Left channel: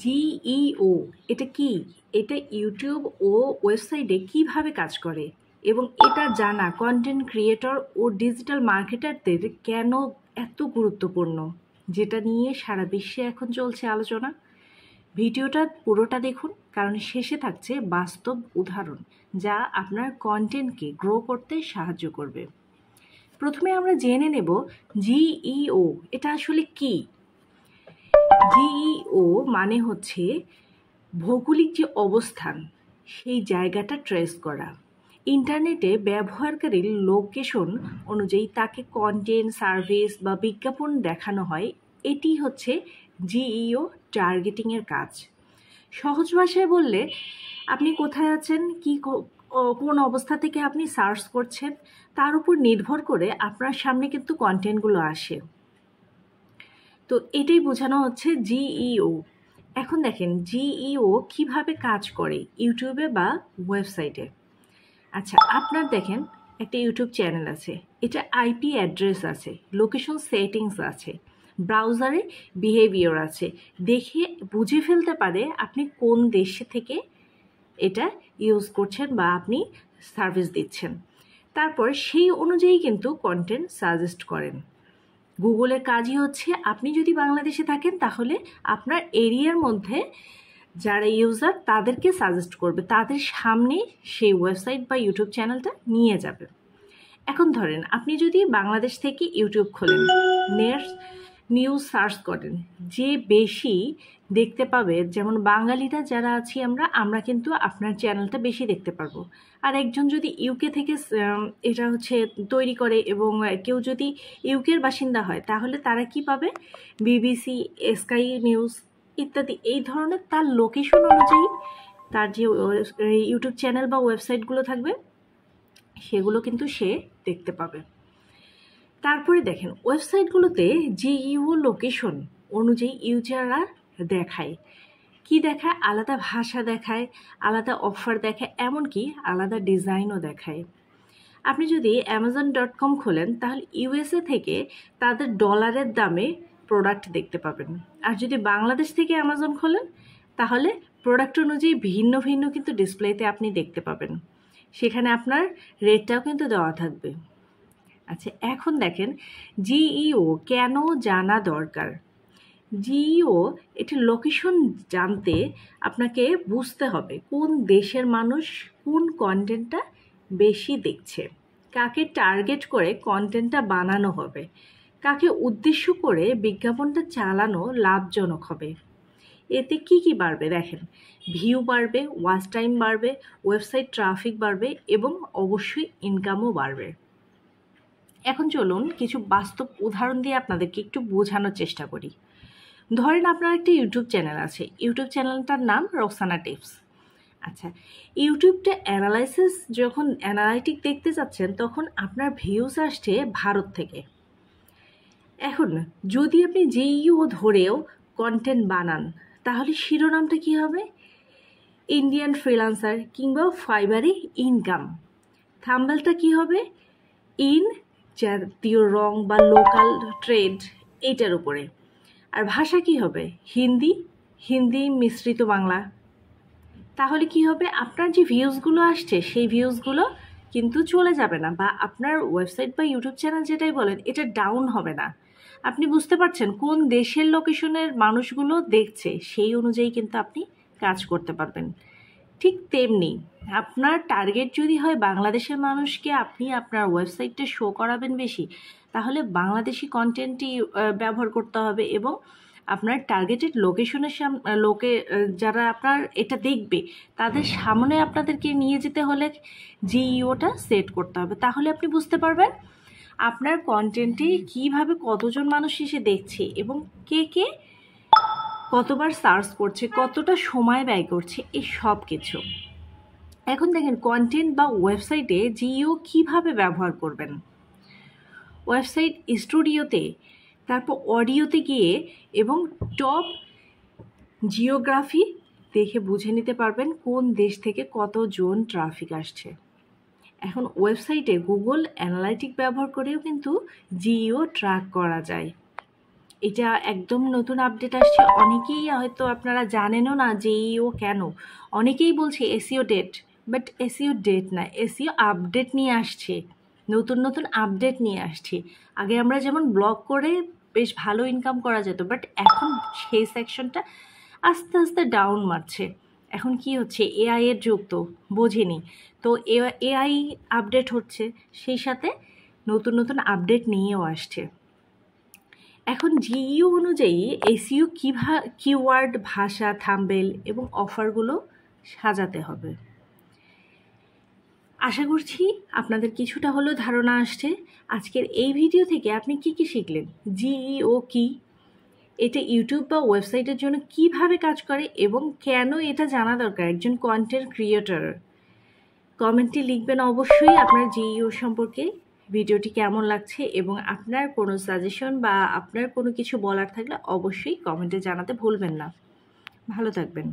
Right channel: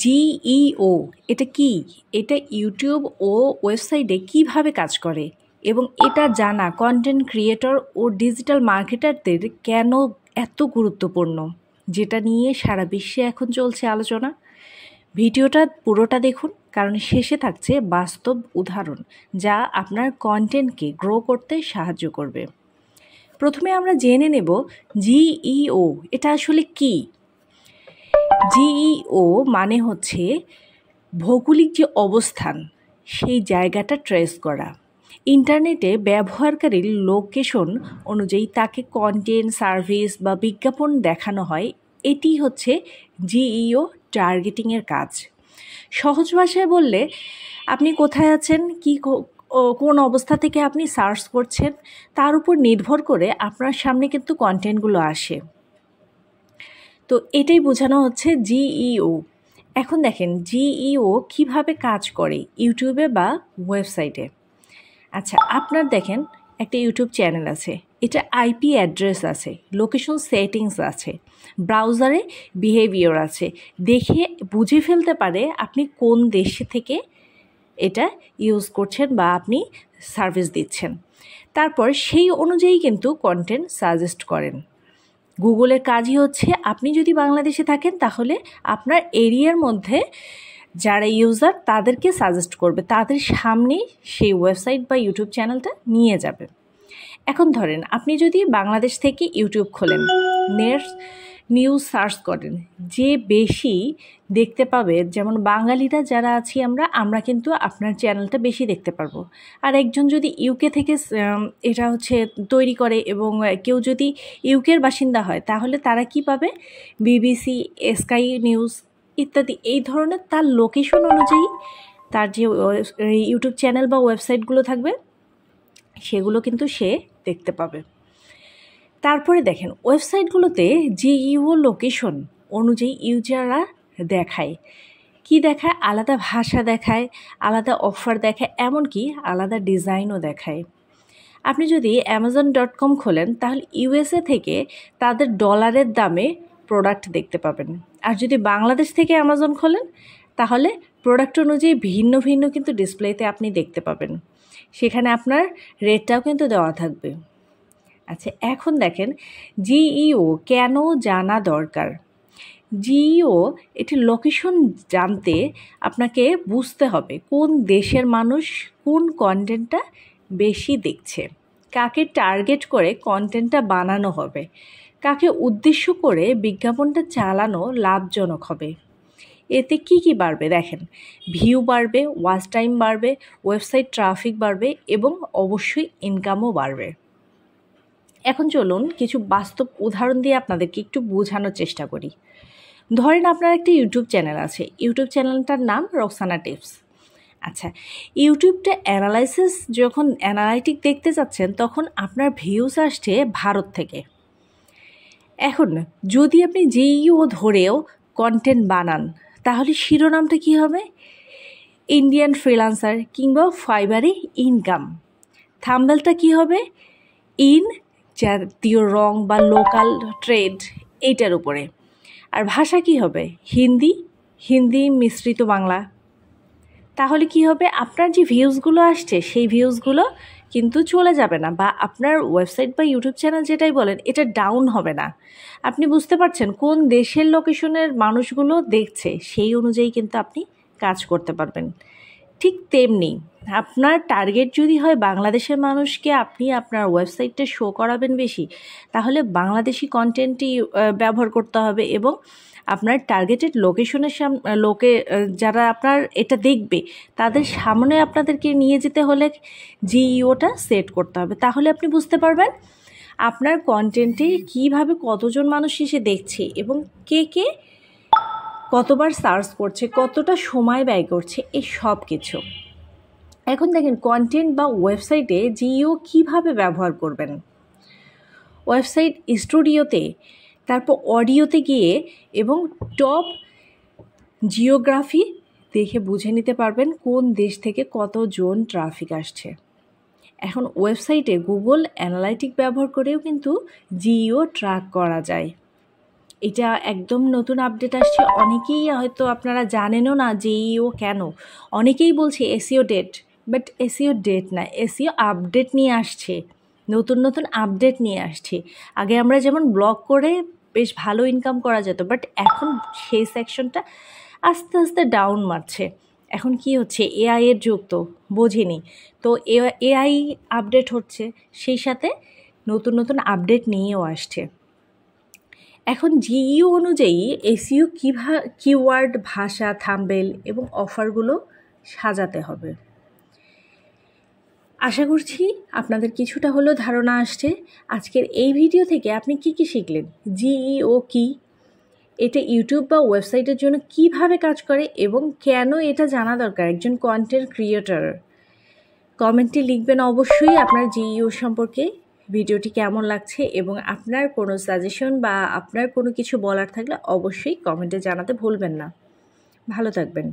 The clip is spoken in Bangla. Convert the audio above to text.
জিইও এটা কি? এটা ইউটিউব ও ওয়েবসাইটে কিভাবে কাজ করে এবং এটা জানা কন্টেন্ট ক্রিয়েটর ও ডিজিটাল মার্কেটারদের কেন এত গুরুত্বপূর্ণ, যেটা নিয়ে সারা বিশ্বে এখন চলছে আলোচনা। ভিডিওটা পুরোটা দেখুন, কারণ শেষে থাকছে বাস্তব উদাহরণ যা আপনার কন্টেন্টকে গ্রো করতে সাহায্য করবে। প্রথমে আমরা জেনে নেব জিইও এটা আসলে কি। জিইও মানে হচ্ছে ভৌগোলিক যে অবস্থান সেই জায়গাটা ট্রেস করা। ইন্টারনেটে ব্যবহারকারীর লোকেশন অনুযায়ী তাকে কন্টেন্ট, সার্ভিস বা বিজ্ঞাপন দেখানো হয়। এটি হচ্ছে জিইও টার্গেটিংয়ের কাজ। সহজ ভাষায় বললে, আপনি কোথায় আছেন, কোন অবস্থা থেকে আপনি সার্চ করছেন, তার উপর নির্ভর করে আপনার সামনে কিন্তু কন্টেন্টগুলো আসে। তো এটাই বোঝানো হচ্ছে জিইও। এখন দেখেন জিইও কিভাবে কাজ করে ইউটিউবে বা ওয়েবসাইটে। আচ্ছা, আপনার দেখেন একটা ইউটিউব চ্যানেল আছে, এটা আইপি অ্যাড্রেস আছে, লোকেশন সেটিংস আছে, ব্রাউজারে বিহেভিয়ার আছে, দেখে বুঝে ফেলতে পারে আপনি কোন দেশ থেকে এটা ইউজ করছেন বা আপনি সার্ভিস দিচ্ছেন। তারপর সেই অনুযায়ী কিন্তু কন্টেন্ট সাজেস্ট করেন। গুগলের কাজই হচ্ছে, আপনি যদি বাংলাদেশে থাকেন তাহলে আপনার এরিয়ার মধ্যে যারা ইউজার তাদেরকে সাজেস্ট করবে, তাদের সামনে সেই ওয়েবসাইট বা ইউটিউব চ্যানেলটা নিয়ে যাবে। এখন ধরেন আপনি যদি বাংলাদেশ থেকে ইউটিউব খোলেন, নিউজ সার্চ করেন, যে বেশি দেখতে পাবে, যেমন বাঙালিরা যারা আছি আমরা কিন্তু আপনার চ্যানেলটা বেশি দেখতে পারবো। আর একজন যদি ইউকে থেকে এটা হচ্ছে তৈরি করে এবং কেউ যদি ইউকের বাসিন্দা হয়, তাহলে তারা কি পাবে? বিবিসি, স্কাই নিউজ ইত্যাদি এই ধরনের তার লোকেশন অনুযায়ী তার যে ইউটিউব চ্যানেল বা ওয়েবসাইটগুলো থাকবে সেগুলো কিন্তু সে দেখতে পাবে। তারপরে দেখেন ওয়েবসাইটগুলোতে জিইও লোকেশন অনুযায়ী ইউজাররা দেখায় কি দেখায়, আলাদা ভাষা দেখায়, আলাদা অফার দেখায়, এমনকি আলাদা ডিজাইনও দেখায়। আপনি যদি Amazon.com খোলেন তাহলে ইউএসএ থেকে তাদের ডলারের দামে প্রোডাক্ট দেখতে পাবেন। আর যদি বাংলাদেশ থেকে অ্যামাজন খোলেন তাহলে প্রোডাক্ট অনুযায়ী ভিন্ন ভিন্ন কিন্তু ডিসপ্লেতে আপনি দেখতে পাবেন। সেখানে আপনার রেটটাও কিন্তু দেওয়া থাকবে। আচ্ছা, এখন দেখেন জিইও কেন জানা দরকার। জিইও এটি লোকেশন জানতে আপনাকে বুঝতে হবে কোন দেশের মানুষ কোন কন্টেন্টটা বেশি দেখছে, কাকে টার্গেট করে কন্টেন্টটা বানানো হবে, কাকে উদ্দেশ্য করে বিজ্ঞাপনটা চালানো লাভজনক হবে। এতে কি বাড়বে দেখেন, ভিউ বাড়বে, ওয়াচ টাইম বাড়বে, ওয়েবসাইট ট্রাফিক বাড়বে এবং অবশ্যই ইনকামও বাড়বে। এখন চলুন কিছু বাস্তব উদাহরণ দিয়ে আপনাদেরকে একটু বোঝানোর চেষ্টা করি। ধরেন আপনার একটা ইউটিউব চ্যানেল আছে, ইউটিউব চ্যানেলটার নাম রোকসানা টিপস। আচ্ছা, ইউটিউবটা যখন অ্যানালাইটিক দেখতে যাচ্ছেন তখন আপনার ভিউজ আসছে ভারত থেকে। এখন যদি আপনি জিইও ধরেও কন্টেন্ট বানান তাহলে শিরোনামটা কি হবে? ইন্ডিয়ান ফ্রিল্যান্সার কিংবা ফাইবারে ইনকাম। থাম্বনেলটা কি হবে? ইন জাতীয় রং বা লোকাল ট্রেড, এইটার উপরে। আর ভাষা কি হবে? হিন্দি মিশ্রিত বাংলা। তাহলে কি হবে? আপনার যে ভিউজগুলো আসছে সেই ভিউজগুলো কিন্তু চলে যাবে না, বা আপনার ওয়েবসাইট বা ইউটিউব চ্যানেল যেটাই বলেন এটা ডাউন হবে না। আপনি বুঝতে পারছেন কোন দেশের লোকেশনের মানুষগুলো দেখছে, সেই অনুযায়ী কিন্তু আপনি কাজ করতে পারবেন। ঠিক তেমনি আপনার টার্গেট যদি হয় বাংলাদেশের মানুষকে, আপনি আপনার ওয়েবসাইটটা শো করাবেন বেশি, তাহলে বাংলাদেশি কন্টেন্টই ব্যবহার করতে হবে এবং আপনার টার্গেটেড লোকেশনের যারা আপনার এটা দেখবে তাদের সামনে আপনাদেরকে নিয়ে যেতে হলে জিইওটা সেট করতে হবে। তাহলে আপনি বুঝতে পারবেন আপনার কন্টেন্টে কীভাবে কতজন মানুষ এসে দেখছে এবং কে কতবার সার্চ করছে, কতটা সময় ব্যয় করছে, এই সব কিছু। এখন দেখেন কন্টেন্ট বা ওয়েবসাইটে জিইও কিভাবে ব্যবহার করবেন। ওয়েবসাইট স্টুডিওতে, তারপর অডিওতে গিয়ে এবং টপ জিওগ্রাফি দেখে বুঝে নিতে পারবেন কোন দেশ থেকে কতজন ট্রাফিক আসছে। এখন ওয়েবসাইটে গুগল অ্যানালাইটিক ব্যবহার করেও কিন্তু জিইও ট্র্যাক করা যায়। এটা একদম নতুন আপডেট আসছে। অনেকেই হয়তো আপনারা জানেনও না যে ও কেন। অনেকেই বলছে SEO date, but SEO date না, এসইও আপডেট নিয়ে আসছে, নতুন নতুন আপডেট নিয়ে আসছে। আগে আমরা যেমন ব্লগ করে বেশ ভালো ইনকাম করা যেত, বাট এখন সেই সেকশনটা আস্তে আস্তে ডাউন মারছে। এখন কি হচ্ছে, এআই এর যুগ তো বোঝেনি, তো এআই আপডেট হচ্ছে, সেই সাথে নতুন নতুন আপডেট নিয়েও আসছে। এখন জিইউ অনুযায়ী এসইও কিওয়ার্ড, ভাষা, থাম্বনেল এবং অফারগুলো সাজাতে হবে। আশা করছি আপনাদের কিছুটা হলেও ধারণা আসছে। আজকের এই ভিডিও থেকে আপনি কি কি শিখলেন, জিইও কি, এটা ইউটিউব বা ওয়েবসাইটের জন্য কিভাবে কাজ করে এবং কেন এটা জানা দরকার একজন কন্টেন্ট ক্রিয়েটর। কমেন্টে লিখবেন অবশ্যই আপনার জিইও সম্পর্কে, ভিডিওটি কেমন লাগছে, এবং আপনার কোনো সাজেশন বা আপনার কোনো কিছু বলার থাকলে অবশ্যই কমেন্টে জানাতে ভুলবেন না। ভালো থাকবেন।